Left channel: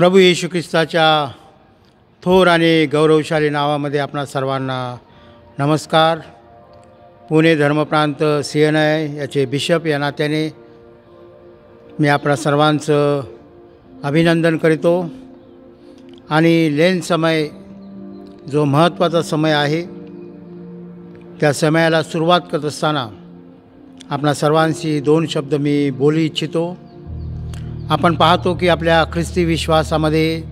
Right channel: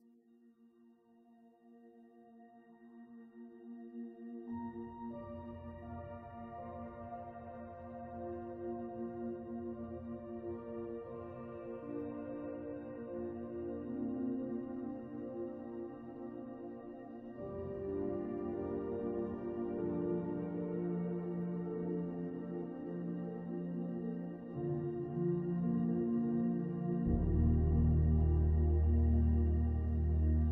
प्रभू येशू ख्रिस्ताच्या थोर आणि गौरवशाली नावामध्ये आपणा सर्वांना नमस्कार. पुणे धर्मप्रांत CNI याचे बिशप या नात्याने मी आपणा सर्वांचं अभिनंदन करीतो. आणि लेन समय जो महत्त्वाचा समय आहे त्या समयाला सुरुवात करत असताना आपणा सर्वांशी 2 शब्द मी बोलू इच्छितो. आपण पाहतो की आपल्या ख्रिस्ती विश्वासामध्ये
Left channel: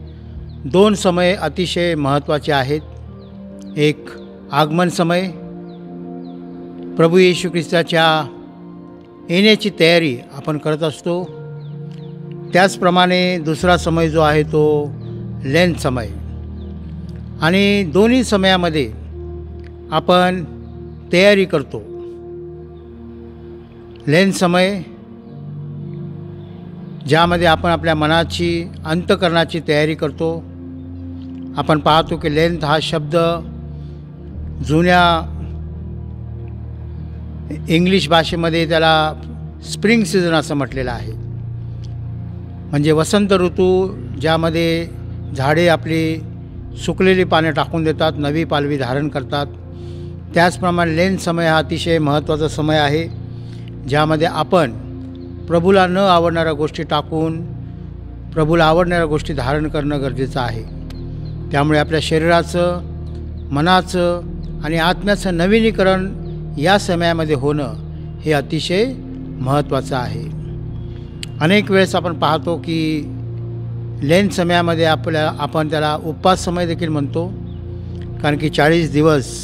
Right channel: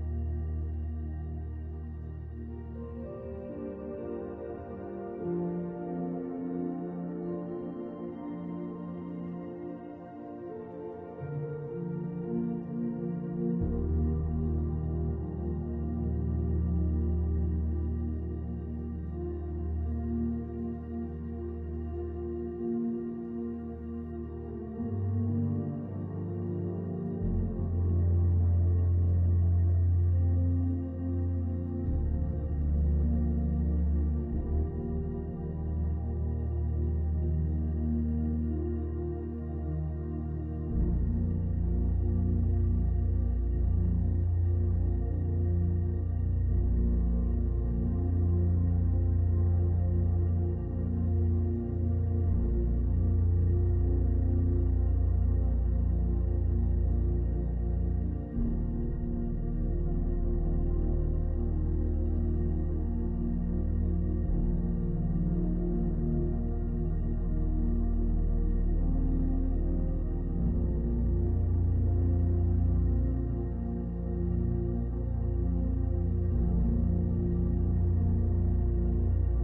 2 समय अतिशय महत्त्वाचे आहेत. एक आगमन समय, प्रभू येशू ख्रिस्ताच्या येण्याची तयारी आपण करत असतो. त्याचप्रमाणे दुसरा समय जो आहे तो लेन समय. आणि दोन्ही समयामध्ये आपण तयारी करतो. लेन समय ज्यामध्ये आपण आपल्या मनाची अंतःकरणाची तयारी करतो. आपण पाहतो की लेंथ हा शब्द जुन्या इंग्लिश भाषेमध्ये त्याला स्प्रिंग सीझन असं म्हटलेलं आहे. म्हणजे वसंत ऋतू, ज्यामध्ये झाडे आपली सुकलेली पाने टाकून देतात, नवी पालवी धारण करतात. त्याचप्रमाणे लेन समय हा अतिशय महत्त्वाचा समय आहे, ज्यामध्ये आपण प्रभूला न आवडणाऱ्या गोष्टी टाकून प्रभूला आवडणाऱ्या गोष्टी धारण करणं गरजेचं आहे. त्यामुळे आपल्या शरीराचं, मनाचं आणि आत्म्याचं नवीनीकरण या समयामध्ये होणं हे अतिशय महत्त्वाचं आहे. अनेक वेळेस आपण पाहतो की लेन समयामध्ये आपण त्याला उपवास समय देखील म्हणतो. कारण की 40 दिवस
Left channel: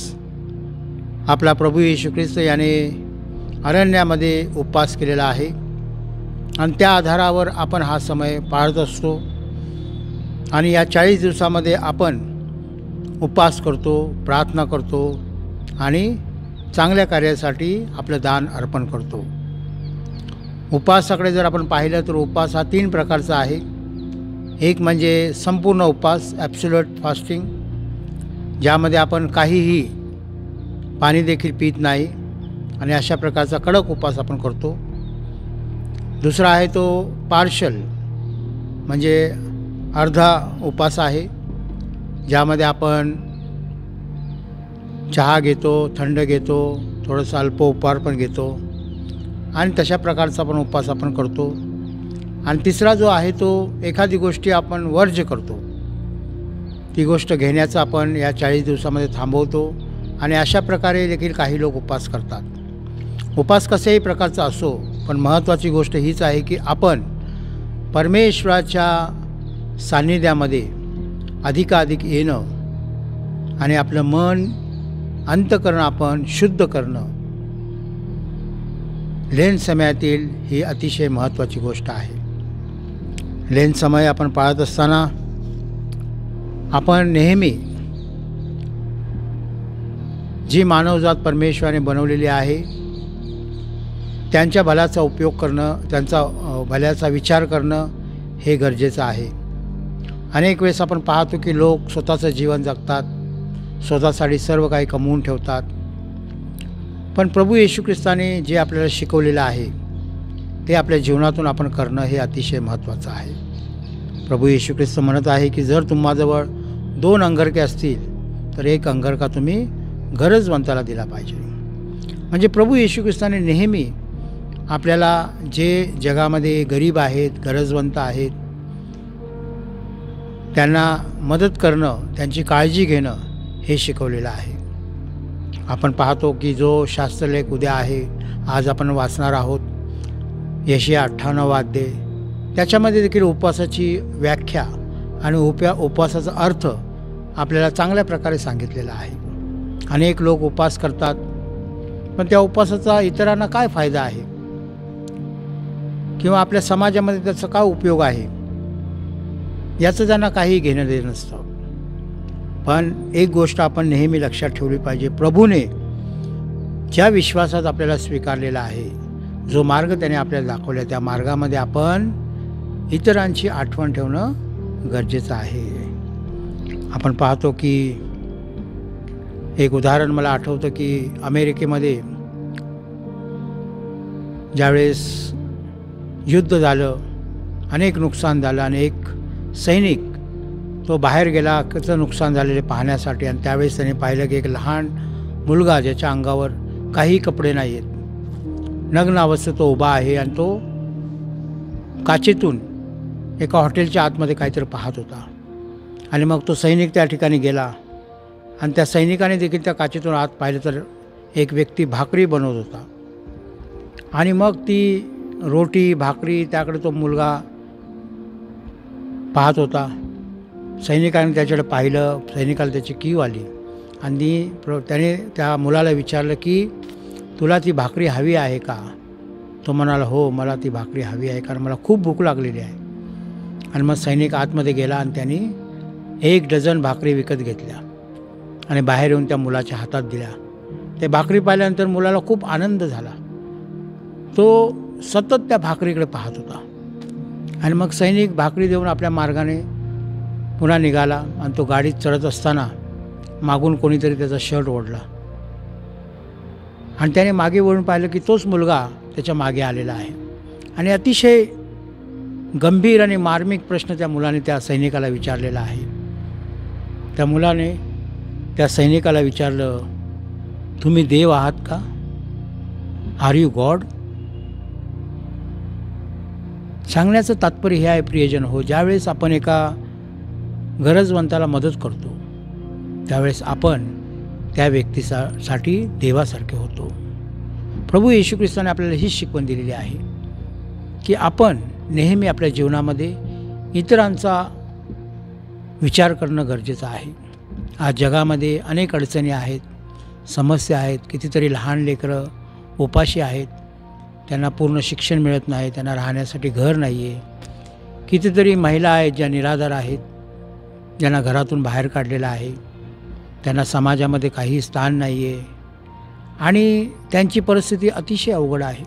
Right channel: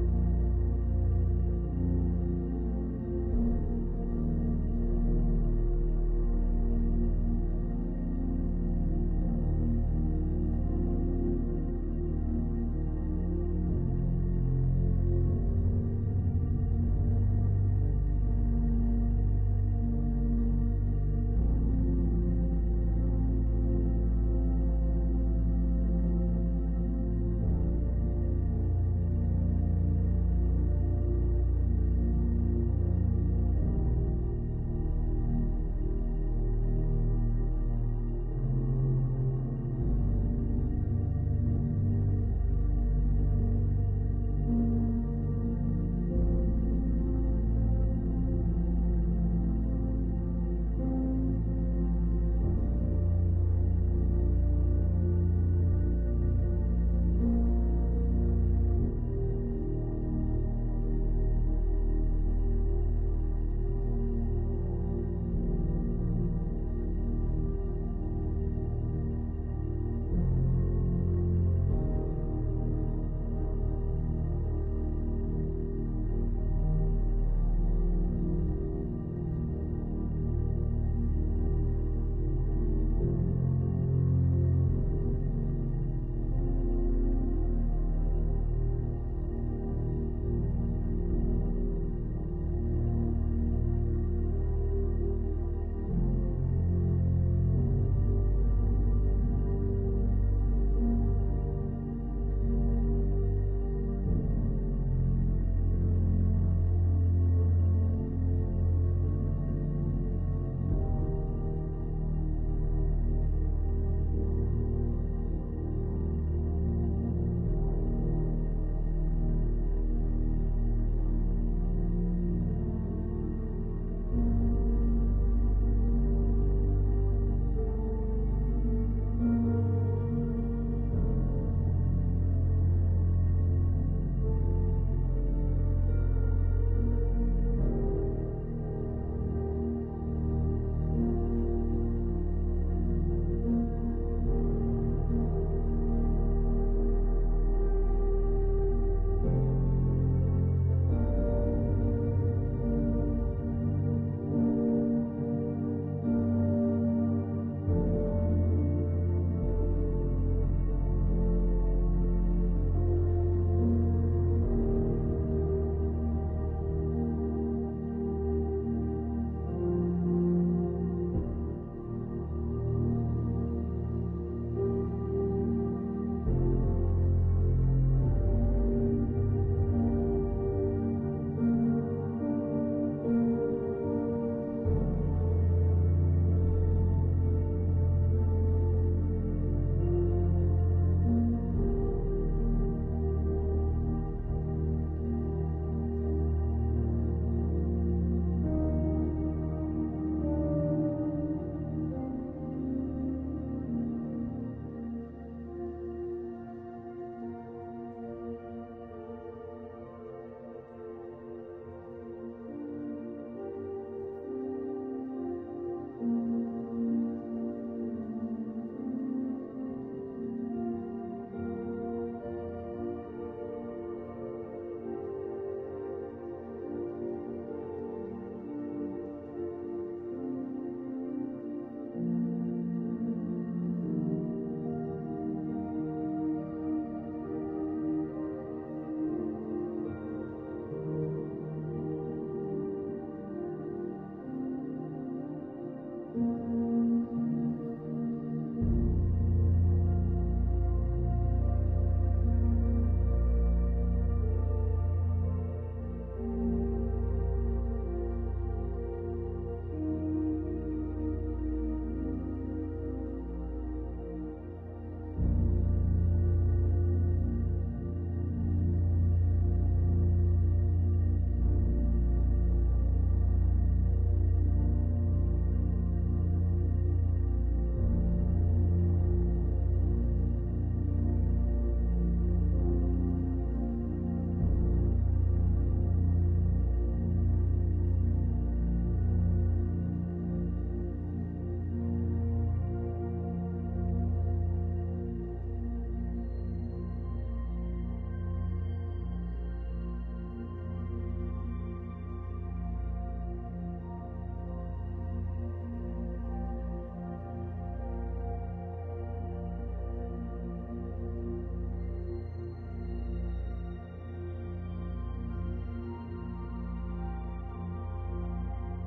आपला प्रभू येशू ख्रिस्त याने अरण्यामध्ये उपवास केलेला आहे आणि त्या आधारावर आपण हा समय पाळत असतो. आणि या 40 दिवसामध्ये आपण उपवास करतो, प्रार्थना करतो आणि चांगल्या कार्यासाठी आपलं दान अर्पण करतो. उपवासाकडे जर आपण पाहिलं तर उपवास हा 3 प्रकारचा आहे. एक म्हणजे संपूर्ण उपवास, ॲब्सोल्यूट फास्टिंग, ज्यामध्ये आपण काहीही पाणी देखील पित नाही आणि अशा प्रकारचा कडक उपवास आपण करतो. दुसरा आहे तो पार्शल, म्हणजे अर्धा उपवास आहे, ज्यामध्ये आपण चहा घेतो, थंड घेतो, थोडंसं अल्प उपहार पण घेतो आणि तशा प्रकारचा पण उपवास आपण करतो. आणि तिसरा जो आहे तो एखादी गोष्टी आपण वर्ज्य करतो, ती गोष्ट घेण्याचं आपण या 40 दिवसामध्ये थांबवतो. आणि अशा प्रकारे देखील काही लोक उपवास करतात. उपवास कशाही प्रकारचा असो, पण महत्त्वाची गोष्ट हीच आहे की आपण परमेश्वराच्या सान्निध्यामध्ये अधिकाधिक येणं आणि आपलं मन, अंतःकरण आपण शुद्ध करणं लेन समयातील ही अतिशय महत्त्वाची गोष्ट आहे. लेन समय आपण पाळत असताना आपण नेहमी जी मानवजात परमेश्वराने बनवलेली आहे त्यांच्या भल्याचा उपयोग करणं, त्यांचा भल्याचा विचार करणं हे गरजेचं आहे. अनेक वेळेस आपण पाहतो की लोक स्वतःचं जीवन जगतात, स्वतःसाठी सर्व काही कमवून ठेवतात. पण प्रभू येशू ख्रिस्ताने जे आपल्याला शिकवलेलं आहे ते आपल्या जीवनातून आपण करणं हे अतिशय महत्त्वाचं आहे. प्रभू येशू ख्रिस्त म्हणत आहे की जर तुम्हाजवळ 2 अंगरखे असतील तर 1 अंगरखा तुम्ही गरजवंताला दिला पाहिजे. म्हणजे प्रभू येशू ख्रिस्ताने नेहमी आपल्याला जे जगामध्ये गरीब आहेत, गरजवंत आहेत, त्यांना मदत करणं, त्यांची काळजी घेणं हे शिकवलेलं आहे. आपण पाहतो की जो शास्त्रलेख उद्या आहे, आज आपण वाचणार आहोत, यशाया 58 अध्याय, त्याच्यामध्ये देखील उपवासाची व्याख्या आणि उपवासाचा अर्थ आपल्याला चांगल्या प्रकारे सांगितलेला आहे. अनेक लोक उपवास करतात, पण त्या उपवासाचा इतरांना काय फायदा आहे किंवा आपल्या समाजामध्ये त्याचा काय उपयोग आहे याचं त्यांना काही घेणं देणं नसतं. पण एक गोष्ट आपण नेहमी लक्षात ठेवली पाहिजे, प्रभूने ज्या विश्वासात आपल्याला स्वीकारलेला आहे, जो मार्ग त्याने आपल्याला दाखवला, त्या मार्गामध्ये आपण इतरांची आठवण ठेवणं गरजेचं आहे. आपण पाहतो की एक उदाहरण मला आठवतं की अमेरिकेमध्ये ज्यावेळेस युद्ध झालं, अनेक नुकसान झालं आणि एक सैनिक तो बाहेर गेला त्याचं नुकसान झालेले पाहण्यासाठी, आणि त्यावेळेस त्याने पाहिलं की एक लहान मुलगा ज्याच्या अंगावर काही कपडे नाही आहेत, नग्न अवस्थेत तो उभा आहे आणि तो काचेतून एका हॉटेलच्या आतमध्ये काहीतरी पाहत होता. आणि मग तो सैनिक त्या ठिकाणी गेला आणि त्या सैनिकाने देखील त्या काचेतून आत पाहिलं तर एक व्यक्ती भाकरी बनवत होता. आणि मग ती रोटी भाकरी त्याकडे तो मुलगा पाहत होता. सैनिकाने त्याच्याकडे पाहिलं, सैनिकाला त्याची कीव आली आणि त्याने त्या मुलाला विचारलं की तुला ती भाकरी हवी आहे का? तो म्हणाला हो, मला ती भाकरी हवी आहे, कारण मला खूप भूक लागलेली आहे. आणि मग सैनिक आतमध्ये गेला आणि त्यांनी 1 डझन भाकरी विकत घेतल्या आणि बाहेर येऊन त्या मुलाच्या हातात दिल्या. ते भाकरी पाहिल्यानंतर मुलाला खूप आनंद झाला. तो सतत त्या भाकरीकडे पाहत होता. आणि मग सैनिक भाकरी देऊन आपल्या मार्गाने पुन्हा निघाला आणि तो गाडीत चढत असताना मागून कोणीतरी त्याचा शर्ट ओढला आणि त्याने मागे वळून पाहिलं की तोच मुलगा त्याच्या मागे आलेला आहे. आणि अतिशय गंभीर आणि मार्मिक प्रश्न त्या मुलाने त्या सैनिकाला विचारलेला आहे. त्या मुलाने त्या सैनिकाला विचारलं, तुम्ही देव आहात का? Are you God? सांगण्याचं तात्पर्य हे आहे प्रियजन हो, ज्यावेळेस आपण एका गरजवंताला मदत करतो त्यावेळेस आपण त्या व्यक्तीसाठी देवासारखे होतो. प्रभू येशू ख्रिस्ताने आपल्याला हीच शिकवण दिलेली आहे की आपण नेहमी आपल्या जीवनामध्ये इतरांचा विचार करणं गरजेचं आहे. आज जगामध्ये अनेक अडचणी आहेत, समस्या आहेत. कितीतरी लहान लेकरं उपाशी आहेत, त्यांना पूर्ण शिक्षण मिळत नाही, त्यांना राहण्यासाठी घर नाही आहे. कितीतरी महिला आहेत ज्या निराधार आहेत, ज्यांना घरातून बाहेर काढलेलं आहे, त्यांना समाजामध्ये काही स्थान नाही आहे आणि त्यांची परिस्थिती अतिशय अवघड आहे.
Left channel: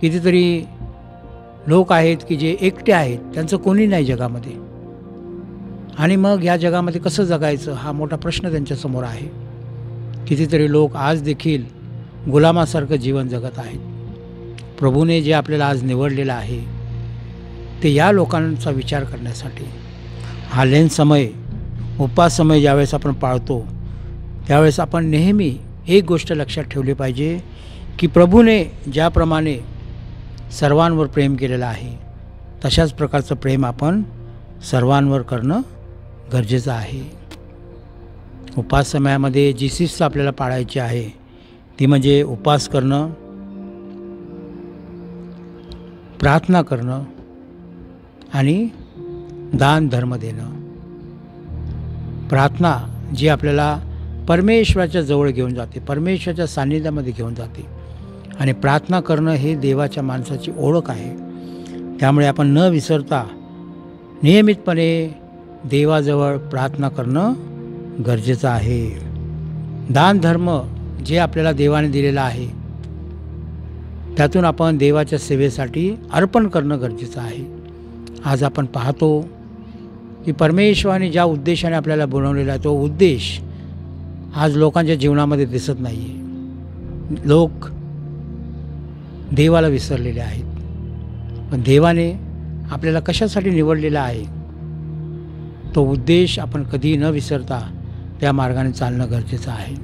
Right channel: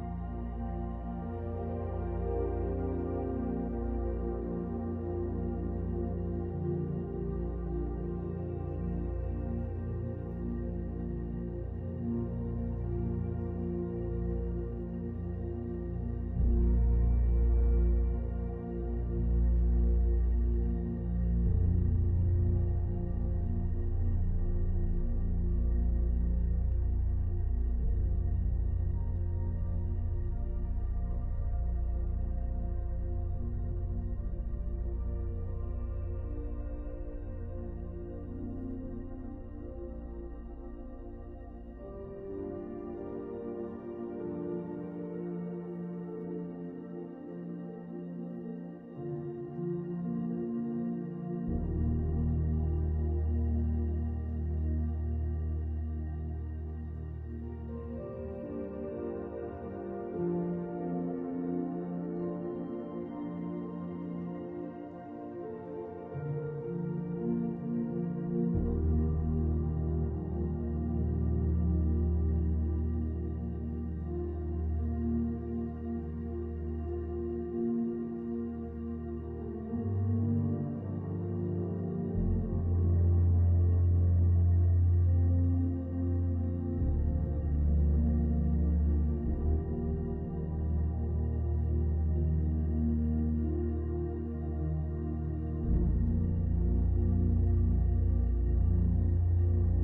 कितीतरी लोक आहेत की जे एकटे आहेत, त्यांचं कोणी नाही जगामध्ये. आणि मग या जगामध्ये कसं जगायचं हा मोठा प्रश्न त्यांच्यासमोर आहे. कितीतरी लोक आज देखील गुलामासारखं जीवन जगत आहेत. प्रभूने जे आपल्याला आज निवडलेलं आहे ते या लोकांचा विचार करण्यासाठी. हा लेन समय, उपवास समय ज्यावेळेस आपण पाळतो त्यावेळेस आपण नेहमी एक गोष्ट लक्षात ठेवली पाहिजे की प्रभूने ज्याप्रमाणे सर्वांवर प्रेम केलेलं आहे तशाच प्रकारचं प्रेम आपण सर्वांवर करणं गरजेचं आहे. उपवास समयामध्ये जी शिस्त आपल्याला पाळायची आहे ती म्हणजे उपवास करणं, प्रार्थना करणं आणि दान धर्म देणं. प्रार्थना जी आपल्याला परमेश्वराच्या जवळ घेऊन जाते, परमेश्वराच्या सान्निध्यामध्ये घेऊन जाते. आणि प्रार्थना करणं हे देवाच्या माणसाची ओळख आहे. त्यामुळे आपण न विसरता नियमितपणे देवाजवळ प्रार्थना करणं गरजेचं आहे. दान धर्म जे आपल्याला देवाने दिलेलं आहे त्यातून आपण देवाच्या सेवेसाठी अर्पण करणं गरजेचं आहे. आज आपण पाहतो की परमेश्वराने ज्या उद्देशाने आपल्याला बनवलेला आहे तो उद्देश आज लोकांच्या जीवनामध्ये दिसत नाही आहे. लोक देवाला विसरलेले आहेत. पण देवाने आपल्याला कशासाठी निवडलेला आहे तो उद्देश आपण कधी न विसरता त्या मार्गाने चालणं गरजेचं आहे.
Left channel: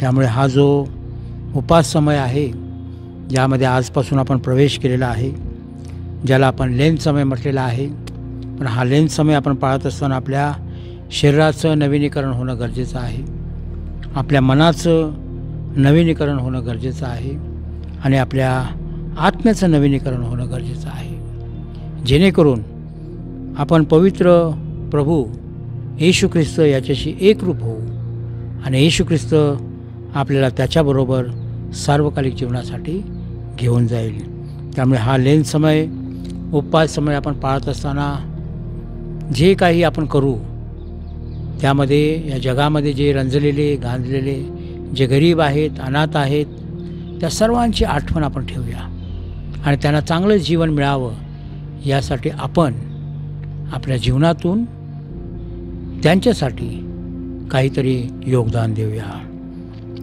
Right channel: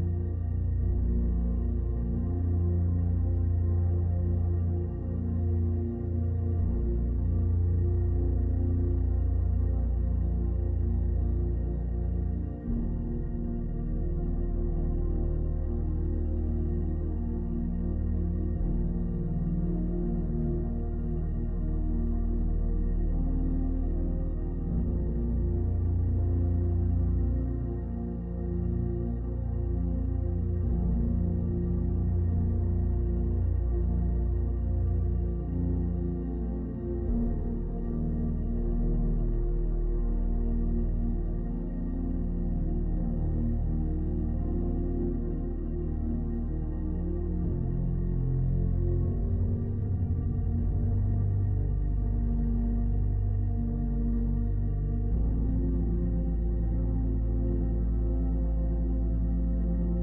त्यामुळे हा जो उपवास समय आहे ज्यामध्ये आजपासून आपण प्रवेश केलेला आहे, ज्याला आपण लेन समय म्हटलेला आहे, पण हा लेन समय आपण पाळत असताना आपल्या शरीराचं नवीनीकरण होणं गरजेचं आहे, आपल्या मनाचं नवीनीकरण होणं गरजेचं आहे आणि आपल्या आत्म्याचं नवीनीकरण होणं गरजेचं आहे. जेणेकरून आपण पवित्र प्रभू येशू ख्रिस्त याच्याशी एकरूप होऊ आणि येशू ख्रिस्त आपल्याला त्याच्याबरोबर सार्वकालिक जीवनासाठी घेऊन जाईल. त्यामुळे हा लेन समय, उपवास समय आपण पाळत असताना जे काही आपण करू त्यामध्ये या जगामध्ये जे रंजलेले गांजलेले जे गरीब आहेत, अनाथ आहेत, त्या सर्वांची आठवण आपण ठेवूया आणि त्यांना चांगलं जीवन मिळावं यासाठी आपण आपल्या जीवनातून त्यांच्यासाठी काहीतरी योगदान देऊया.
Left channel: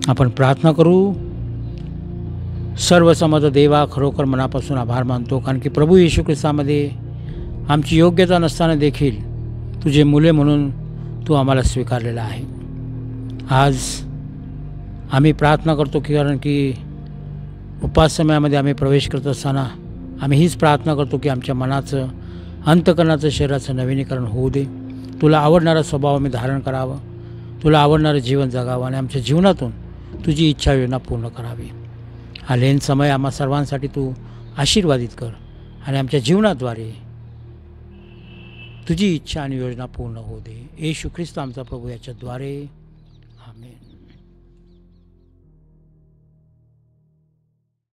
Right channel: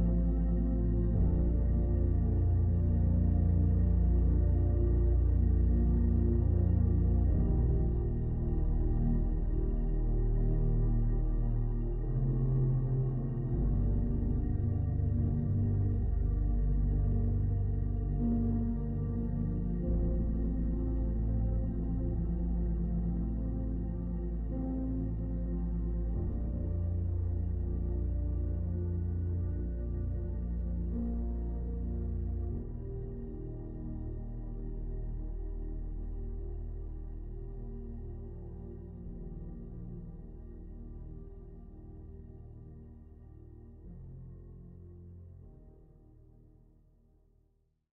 आपण प्रार्थना करू. सर्व समर्थ देवा, खरोखर मनापासून आभार मानतो कारण की प्रभू येशू ख्रिस्तामध्ये आमची योग्यता नसताना देखील तुझे मुले म्हणून तू आम्हाला स्वीकारलेला आहे. आज आम्ही प्रार्थना करतो कारण की उपास समयामध्ये आम्ही प्रवेश करत असताना आम्ही हीच प्रार्थना करतो की आमच्या मनाचं, अंतकरणाचं, शरीराचं नवीनीकरण होऊ दे. तुला आवडणारा स्वभाव आम्ही धारण करावं, तुला आवडणारं जीवन जगावं आणि आमच्या जीवनातून तुझी इच्छा योजना पूर्ण करावी. हा लेन समय आम्हा सर्वांसाठी तू आशीर्वादित कर आणि आमच्या जीवनाद्वारे तुझी इच्छा आणि योजना पूर्ण होऊ दे. येशू ख्रिस्त आमचा प्रभू याच्याद्वारे